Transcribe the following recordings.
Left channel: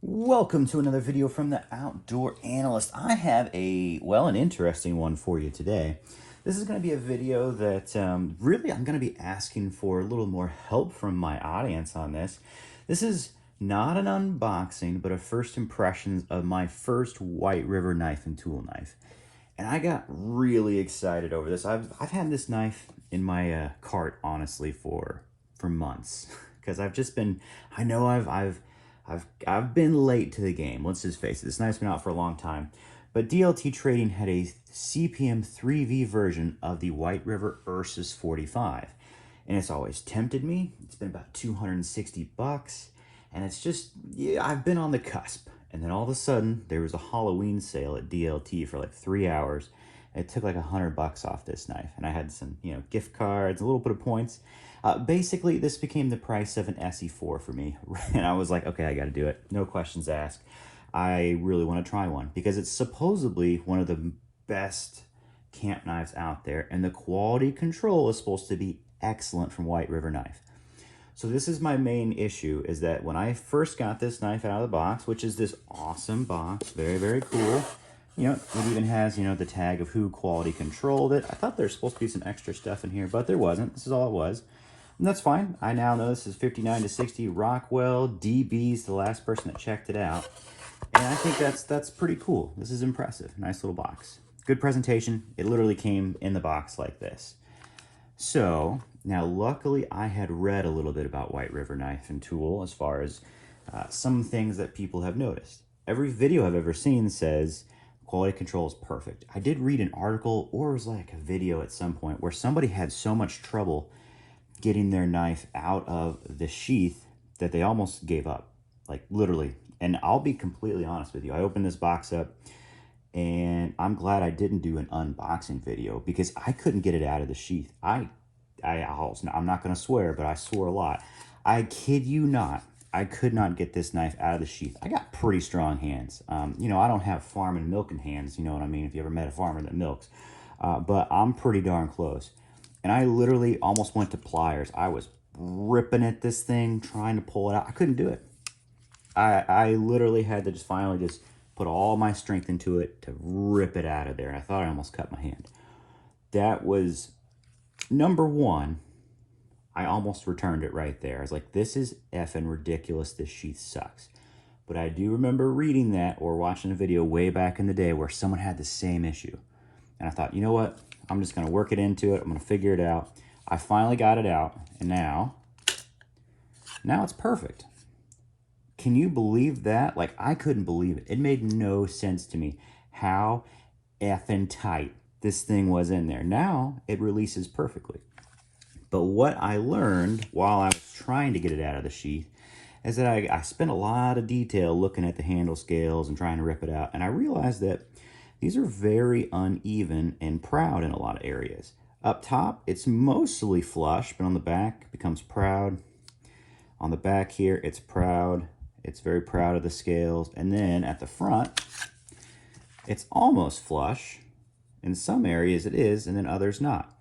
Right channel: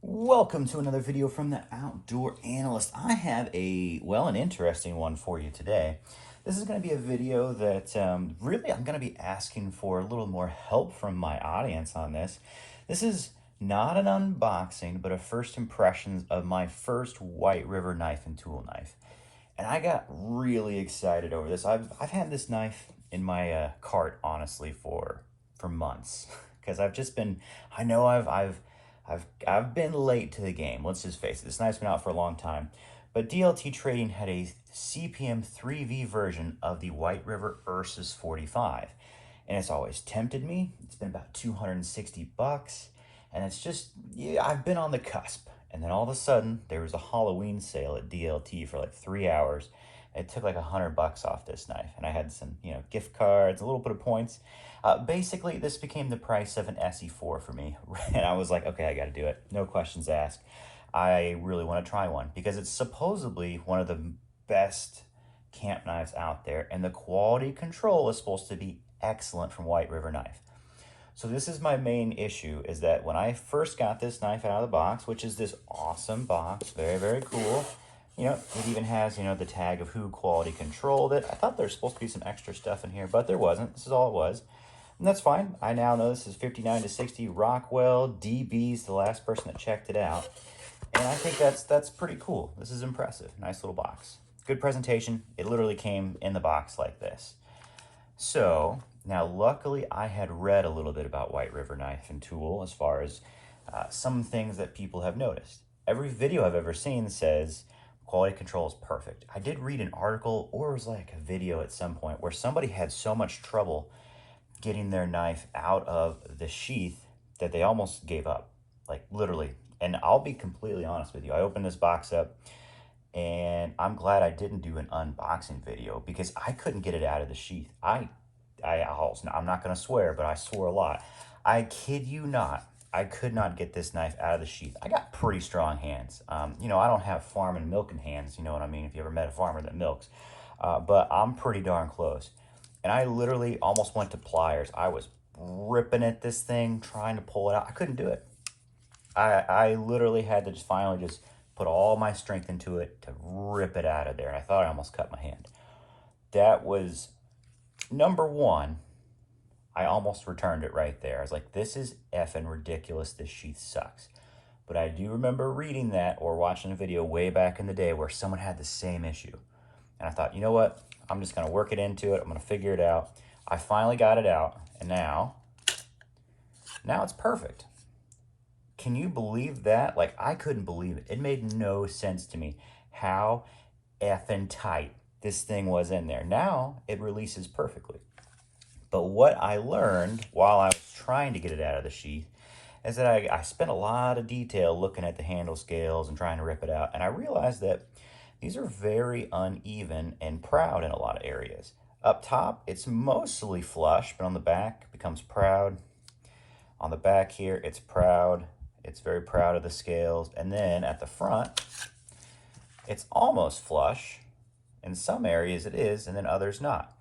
Welcome to another video from the Outdoor Analyst. I have an interesting one for you today. This is going to be a video that really I'm going to be asking for a little more help from my audience on this. This is not an unboxing, but a first impressions of my first White River knife and tool knife. And I got really excited over this. I've had this knife in my cart, honestly, for months. Because I've just been, I know I've been late to the game. Let's just face it. This knife's been out for a long time. But DLT Trading had a CPM 3V version of the White River Ursus 45. And it's always tempted me. It's been about 260 bucks. And it's just, yeah, I've been on the cusp. And then all of a sudden, there was a Halloween sale at DLT for like 3 hours. It took like $100 off this knife. And I had some, gift cards, a little bit of points. Basically, this became the price of an SE4 for me. And I was like, okay, I got to do it. No questions asked. I really want to try one because it's supposedly one of the best camp knives out there. And the quality control is supposed to be excellent from White River Knife. So this is my main issue, is that when I first got this knife out of the box, which is this awesome box, very, very cool. It even has, the tag of who quality controlled it. I thought there's supposed to be some extra stuff in here, but there wasn't. This is all it was. And that's fine. I now know this is 59 to 60 Rockwell. DB's the last person that checked it out. And I think that's pretty cool. This is impressive. Nice little box. Good presentation. It literally came in the box like this. So, now luckily I had read a little bit about White River Knife and Tool as far as some things that people have noticed. Every video I've ever seen says quality control is perfect. I did read an article, or it was like a video at some point, where somebody had so much trouble getting their knife out of the sheath that they almost gave up, like literally. And I'll be completely honest with you. I opened this box up and I'm glad I didn't do an unboxing video because I couldn't get it out of the sheath. I'm not going to swear, but I swore a lot. I kid you not. I could not get this knife out of the sheath. I got pretty strong hands. I don't have farming milking hands. You know what I mean? If you ever met a farmer that milks. But I'm pretty darn close. And I literally almost went to pliers. I was ripping at this thing, trying to pull it out. I couldn't do it. I literally had to finally put all my strength into it to rip it out of there. And I thought I almost cut my hand. That was number one. I almost returned it right there. I was like, this is effing ridiculous. This sheath sucks. But I do remember reading that or watching a video way back in the day where someone had the same issue. And I thought, you know what? I'm just going to work it into it. I'm going to figure it out. I finally got it out. And now it's perfect. Can you believe that? Like, I couldn't believe it. It made no sense to me how effing tight this thing was in there. Now it releases perfectly. But what I learned while I was trying to get it out of the sheath is that I spent a lot of detail looking at the handle scales and trying to rip it out. And I realized that these are very uneven and proud in a lot of areas. Up top, it's mostly flush, but on the back, it becomes proud. On the back here, it's proud. It's very proud of the scales. And then at the front, it's almost flush. In some areas it is, and then others not.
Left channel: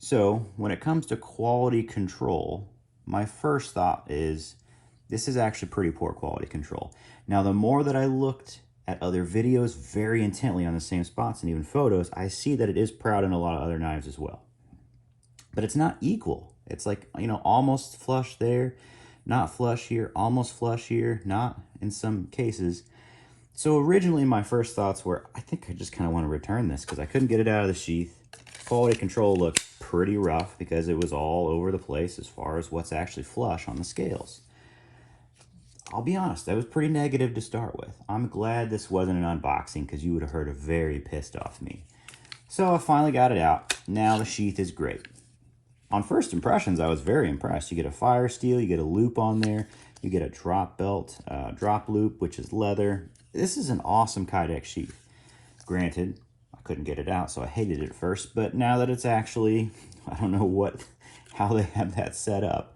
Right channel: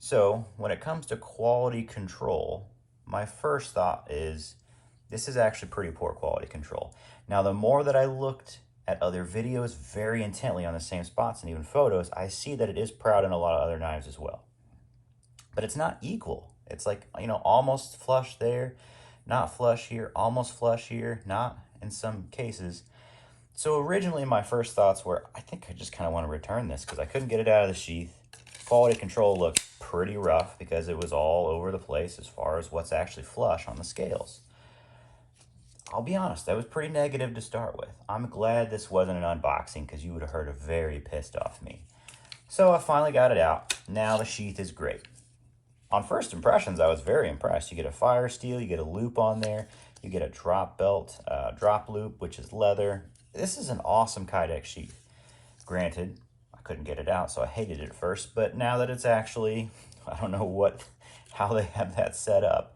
So when it comes to quality control, my first thought is this is actually pretty poor quality control. Now, the more that I looked at other videos very intently on the same spots and even photos, I see that it is proud in a lot of other knives as well. But it's not equal. It's like, almost flush there, not flush here, almost flush here, not in some cases. So originally my first thoughts were, I think I just kind of want to return this because I couldn't get it out of the sheath. Quality control looked pretty rough because it was all over the place as far as what's actually flush on the scales. I'll be honest, that was pretty negative to start with. I'm glad this wasn't an unboxing because you would have heard a very pissed off me. So I finally got it out. Now the sheath is great. On first impressions, I was very impressed. You get a fire steel, you get a loop on there, you get a drop belt, drop loop, which is leather. This is an awesome Kydex sheath. Granted, I couldn't get it out, so I hated it at first, but now that it's actually, I don't know how they have that set up,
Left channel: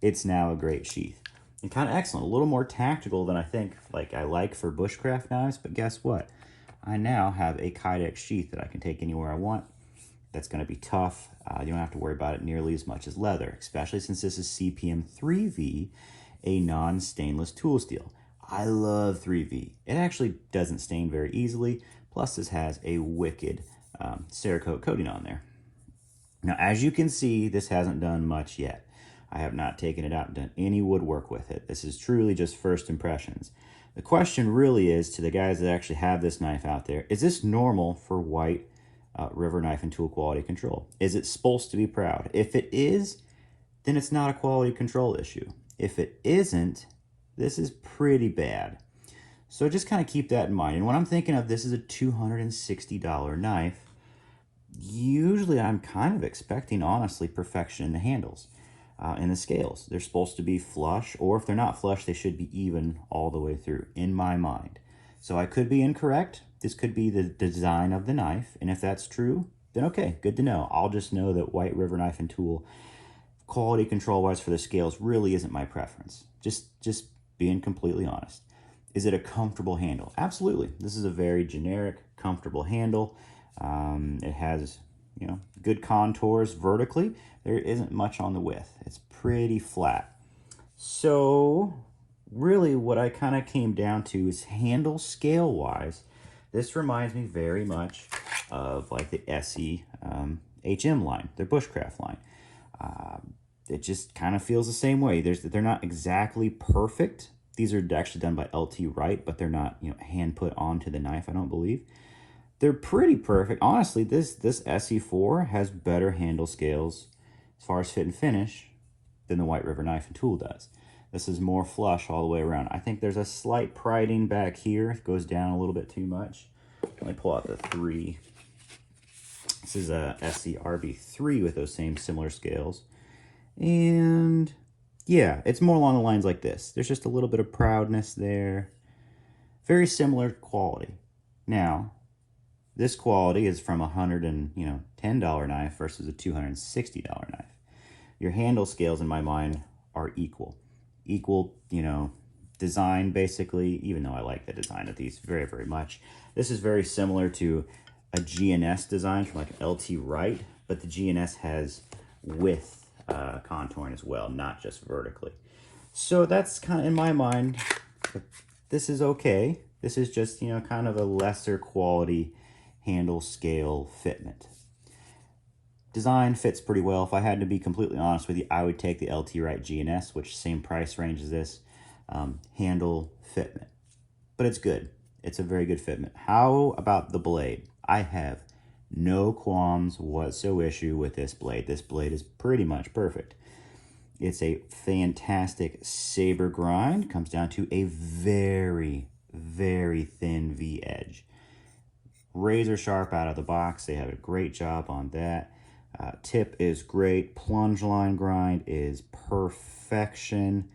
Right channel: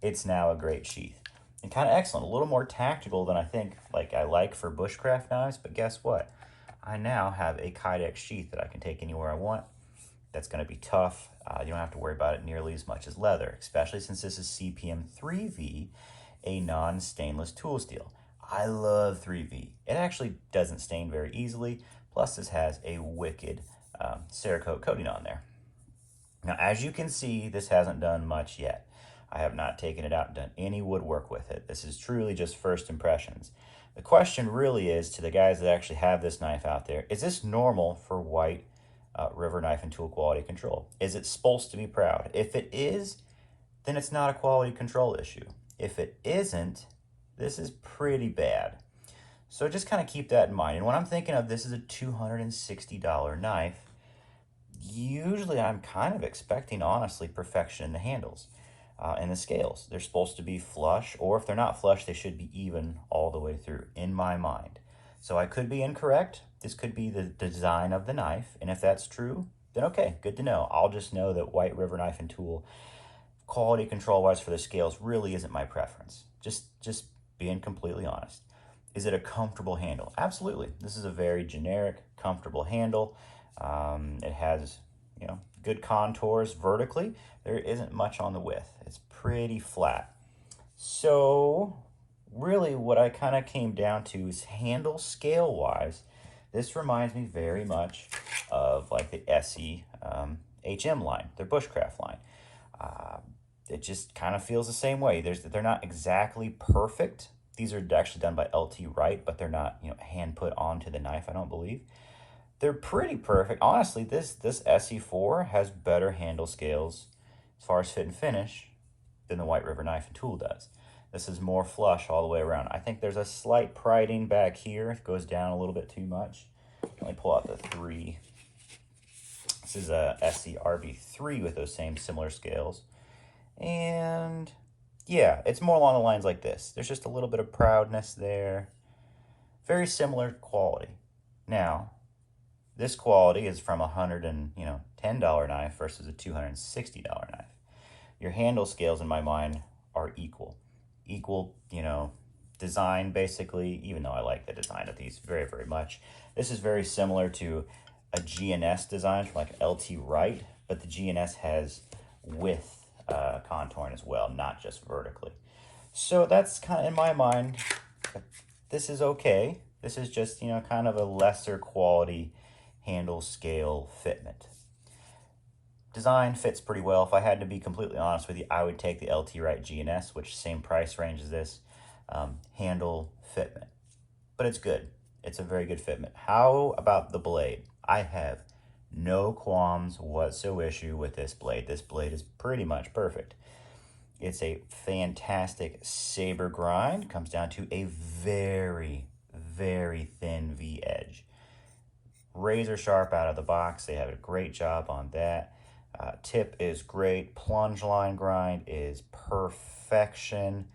it's now a great sheath. And kind of excellent, a little more tactical than I think I like for bushcraft knives, but guess what? I now have a Kydex sheath that I can take anywhere I want. That's going to be tough. You don't have to worry about it nearly as much as leather, especially since this is CPM 3V, a non-stainless tool steel. I love 3V. It actually doesn't stain very easily. Plus, this has a wicked Cerakote coating on there. Now, as you can see, this hasn't done much yet. I have not taken it out and done any woodwork with it. This is truly just first impressions. The question really is to the guys that actually have this knife out there, is this normal for white River knife and tool quality control? Is it supposed to be proud? If it is, then it's not a quality control issue. If it isn't, this is pretty bad. So just kind of keep that in mind. And when I'm thinking of this is a $260 knife, usually I'm kind of expecting, honestly, perfection in the handles and the scales. They're supposed to be flush, or if they're not flush, they should be even all the way through, in my mind. So I could be incorrect. This could be the design of the knife, and if that's true, then okay, good to know. I'll just know that White River Knife and Tool, quality control-wise for the scales, really isn't my preference. Just being completely honest. Is it a comfortable handle? Absolutely. This is a very generic, comfortable handle. It has, you know, good contours vertically. There isn't much on the width. It's pretty flat. So really what I kind of came down to is handle scale wise. This reminds me very much of like the SE HM line, their bushcraft line. It just kind of feels the same way. They're not exactly perfect. These are actually done by LT Wright, but they're not, you know, hand put onto the knife, I don't believe. They're pretty perfect. Honestly, this SE4 has better handle scales as far as fit and finish than the White River Knife and Tool does. This is more flush all the way around. I think there's a slight priding back here. It goes down a little bit too much. Let me pull out the 3. This is a SE RB3 with those same similar scales. And yeah, it's more along the lines like this. There's just a little bit of proudness there. Very similar quality. Now, this quality is from $110 knife versus a $260 knife. Your handle scales, in my mind, are equal. Equal, you know, design basically, even though I like the design of these very, very much. This is very similar to a GNS design from like LT Wright, but the GNS has width contouring as well, not just vertically. So that's kind of, in my mind, this is okay. This is just, you know, kind of a lesser quality handle scale fitment. Design fits pretty well. If I had to be completely honest with you, I would take the LT Wright GNS, which same price range as this, handle fitment. But it's good. It's a very good fitment. How about the blade? I have no qualms whatsoever with this blade. This blade is pretty much perfect. It's a fantastic saber grind. Comes down to a very, very thin V edge. Razor sharp out of the box. They have a great job on that. Tip is great. Plunge line grind is perfection.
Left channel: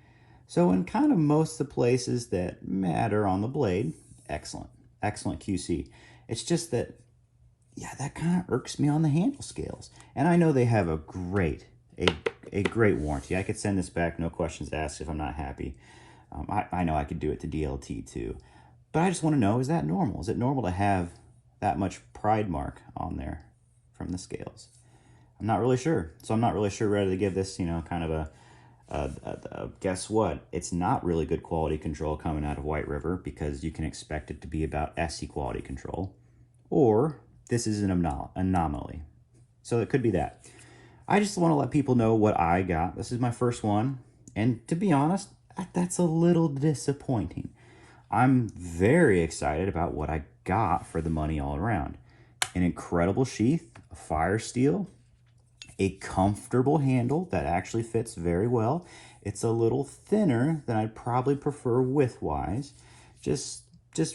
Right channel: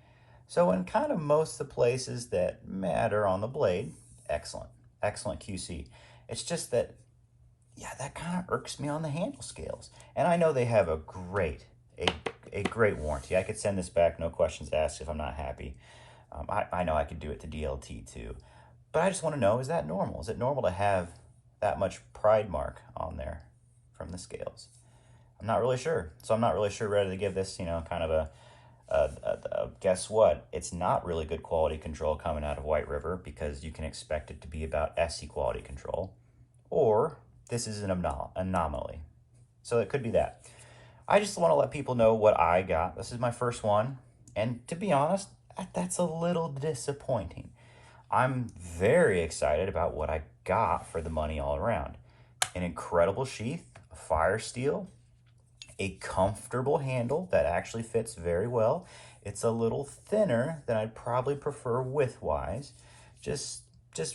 So in kind of most of the places that matter on the blade, excellent. Excellent QC. It's just that, yeah, that kind of irks me on the handle scales. And I know they have a great warranty. I could send this back, no questions asked, if I'm not happy. I know I could do it to DLT too. But I just want to know, is that normal? Is it normal to have that much pride mark on there from the scales? I'm not really sure. So I'm not really sure whether to give this, you know, kind of a guess what? It's not really good quality control coming out of White River, because you can expect it to be about SE quality control. Or this is an anomaly. So it could be that. I just want to let people know what I got. This is my first one. And to be honest, that's a little disappointing. I'm very excited about what I got for the money all around. An incredible sheath, a fire steel, a comfortable handle that actually fits very well. It's a little thinner than I'd probably prefer width-wise, just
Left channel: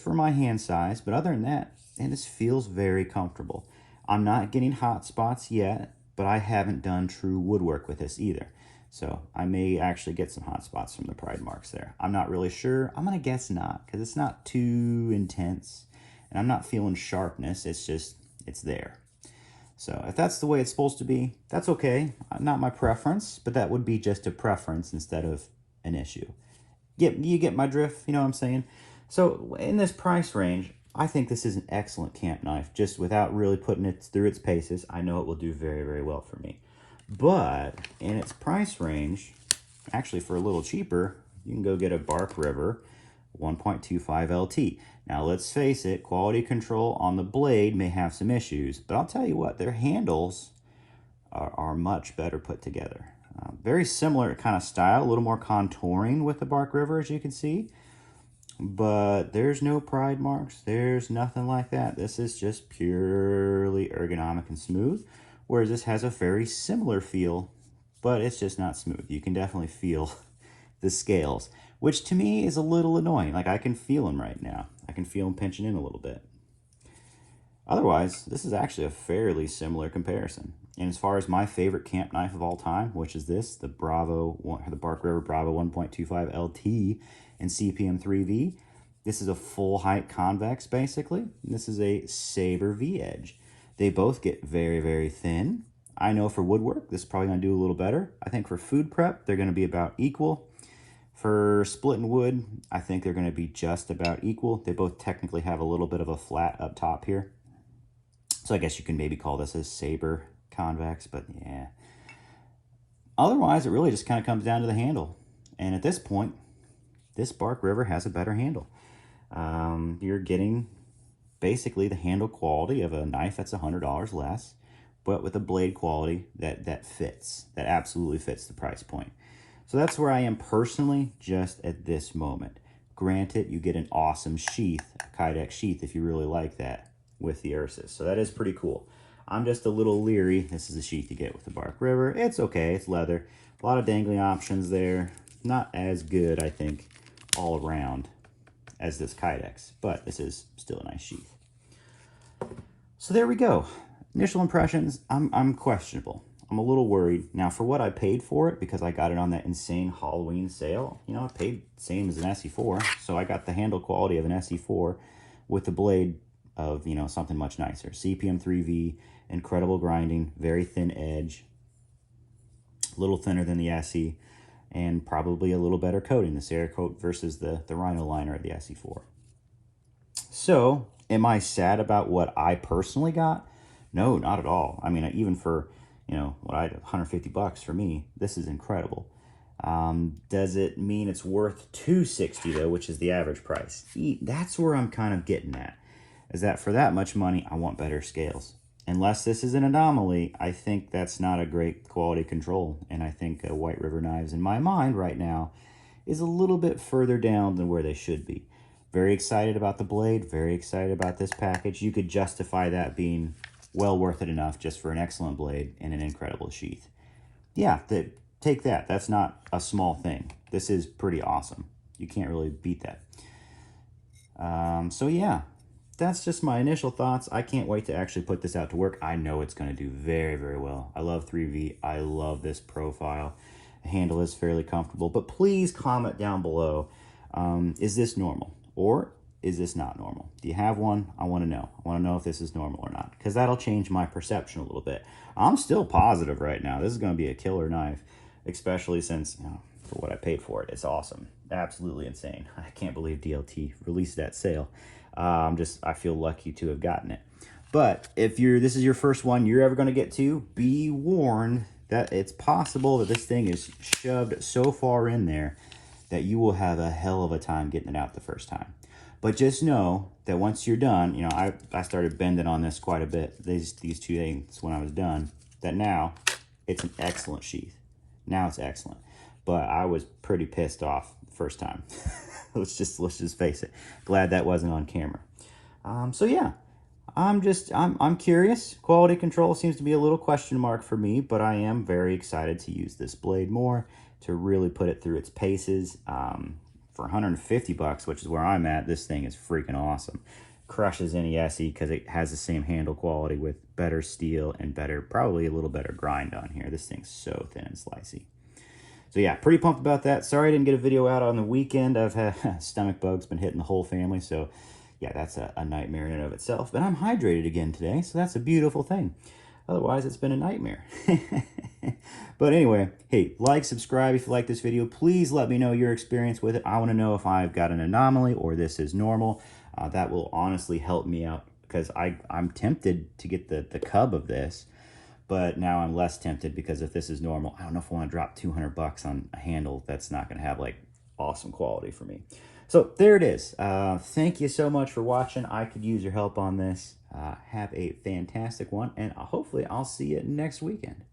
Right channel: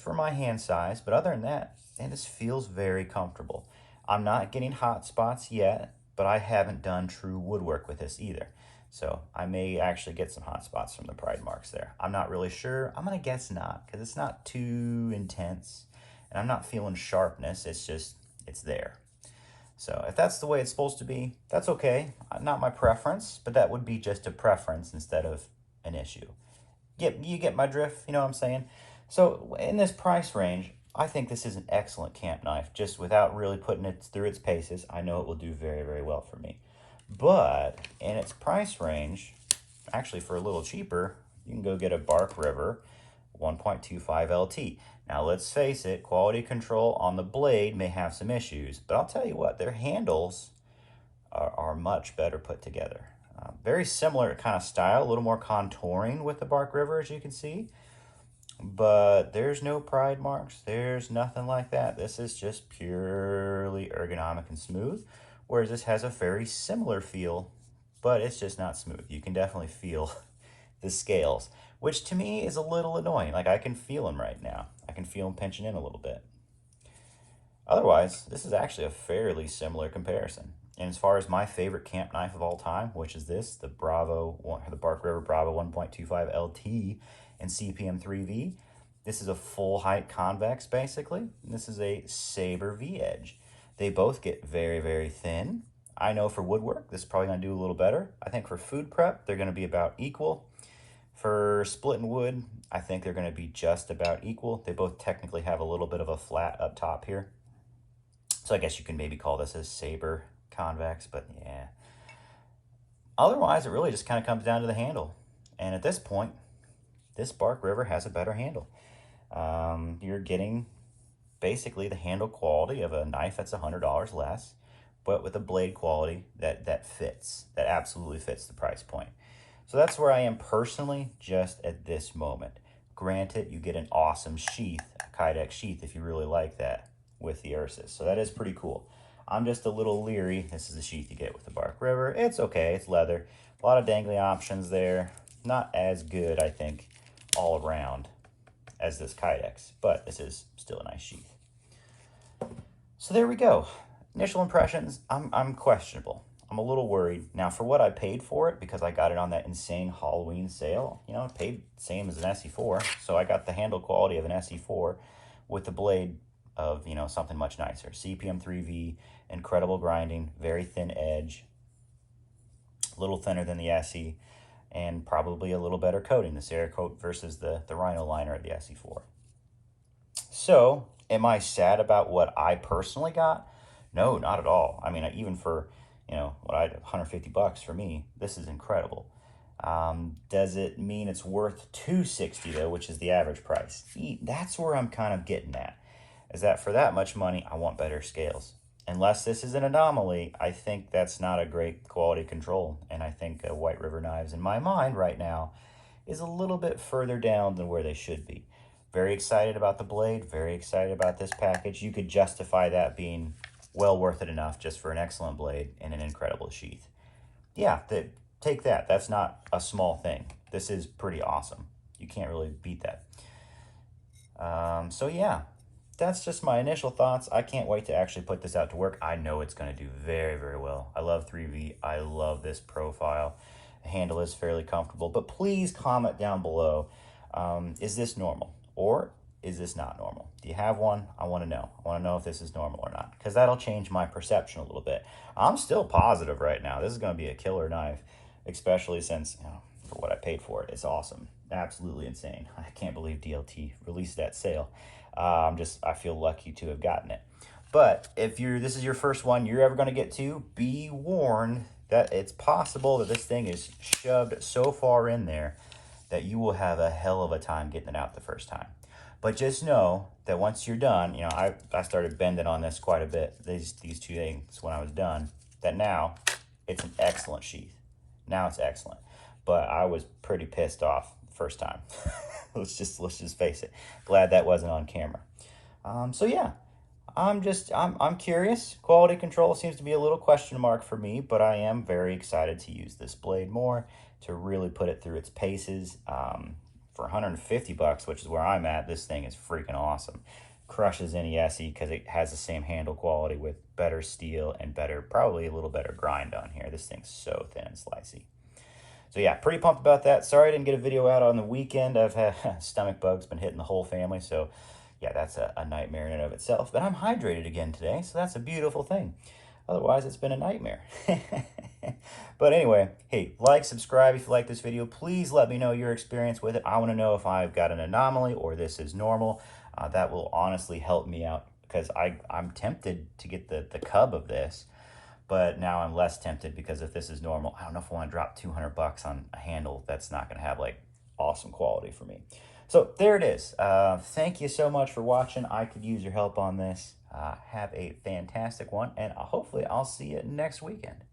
for my hand size. But other than that, it just feels very comfortable. I'm not getting hot spots yet, but I haven't done true woodwork with this either. So I may actually get some hot spots from the pride marks there. I'm not really sure. I'm going to guess not, because it's not too intense. And I'm not feeling sharpness. It's just, it's there. So if that's the way it's supposed to be, that's okay. Not my preference, but that would be just a preference instead of an issue. You get my drift, you know what I'm saying? So in this price range, I think this is an excellent camp knife. Just without really putting it through its paces, I know it will do very, very well for me. But in its price range, actually for a little cheaper, you can go get a Bark River 1.25 LT. Now let's face it, quality control on the blade may have some issues, but I'll tell you what, their handles are much better put together. Very similar kind of style, a little more contouring with the Bark River, as you can see. But there's no pride marks. There's nothing like that. This is just purely ergonomic and smooth, whereas this has a very similar feel, but it's just not smooth. You can definitely feel the scales, which to me is a little annoying. Like, I can feel them right now. I can feel them pinching in a little bit. Otherwise, this is actually a fairly similar comparison. And as far as my favorite camp knife of all time, which is this, the Bark River Bravo 1.25 LT and CPM 3V, this is a full height convex basically. This is a Saber V edge. They both get very, very thin. I know for woodwork, this is probably gonna do a little better. I think for food prep, they're gonna be about equal. For splitting wood, I think they're gonna be just about equal. They both technically have a little bit of a flat up top here. So I guess you can maybe call this a Saber convex, but yeah. Otherwise, it really just kind of comes down to the handle. And at this point, this Bark River has a better handle. You're getting basically the handle quality of a knife that's $100 less, but with a blade quality that fits, that absolutely fits the price point. So that's where I am personally just at this moment. Granted, you get an awesome sheath, a Kydex sheath, if you really like that, with the Ursus. So that is pretty cool. I'm just a little leery. This is the sheath you get with the Bark River. It's okay, it's leather. A lot of dangling options there. Not as good, I think, all around as this Kydex, but this is still a nice sheath. So there we go. Initial impressions, I'm questionable. I'm a little worried. Now, for what I paid for it, because I got it on that insane Halloween sale, you know, I paid the same as an SE4, so I got the handle quality of an SE4 with the blade of, you know, something much nicer. CPM 3V, incredible grinding, very thin edge, a little thinner than the SE, and probably a little better coating, the Cerakote versus the Rhino liner of the SE4. So, am I sad about what I personally got? No, not at all. I mean, even for, you know, what I 150 bucks for me, this is incredible. Does it mean it's worth $260 though, which is the average price? That's where I'm kind of getting at, is that for that much money, I want better scales. Unless this is an anomaly, I think that's not a great quality control. And I think White River Knives, in my mind right now, is a little bit further down than where they should be. Very excited about the blade, very excited about this package. You could justify that being well worth it enough just for an excellent blade and an incredible sheath. Yeah, take that. That's not a small thing. This is pretty awesome. You can't really beat that. So yeah, that's just my initial thoughts. I can't wait to actually put this out to work. I know it's going to do very, very well. I love 3V. I love this profile. The handle is fairly comfortable, but please comment down below. Is this normal or is this not normal? Do you have one? I want to know. I want to know if this is normal or not, because that'll change my perception a little bit. I'm still positive right now. This is going to be a killer knife, especially since, you know, for what I paid for it. It's awesome. Absolutely insane. I can't believe DLT released that sale. I feel lucky to have gotten it. But if this is your first one you're ever going to get to, be warned that it's possible that this thing is shoved so far in there that you will have a hell of a time getting it out the first time. But just know that once you're done, you know, I started bending on this quite a bit, these two things when I was done, that now it's an excellent sheath. Now it's excellent. But I was pretty pissed off the first time. let's just face it. Glad that wasn't on camera. So yeah, I'm curious. Quality control seems to be a little question mark for me, but I am very excited to use this blade more, to really put it through its paces. For 150 bucks, which is where I'm at, this thing is freaking awesome. Crushes any SE because it has the same handle quality with better steel and probably a little better grind on here. This thing's so thin and slicey. So yeah, pretty pumped about that. Sorry I didn't get a video out on the weekend. I've had stomach bugs been hitting the whole family, so yeah, that's a nightmare in and of itself. But I'm hydrated again today, so that's a beautiful thing. Otherwise, it's been a nightmare. But anyway, hey, like, subscribe if you like this video. Please let me know your experience with it. I want to know if I've got an anomaly or this is normal. That will honestly help me out, because I'm tempted to get the cub of this, but now I'm less tempted, because if this is normal, I don't know if I want to drop 200 bucks on a handle that's not going to have like awesome quality for me. So there it is. Thank you so much for watching. I could use your help on this. Have a fantastic one, and hopefully I'll see you next weekend.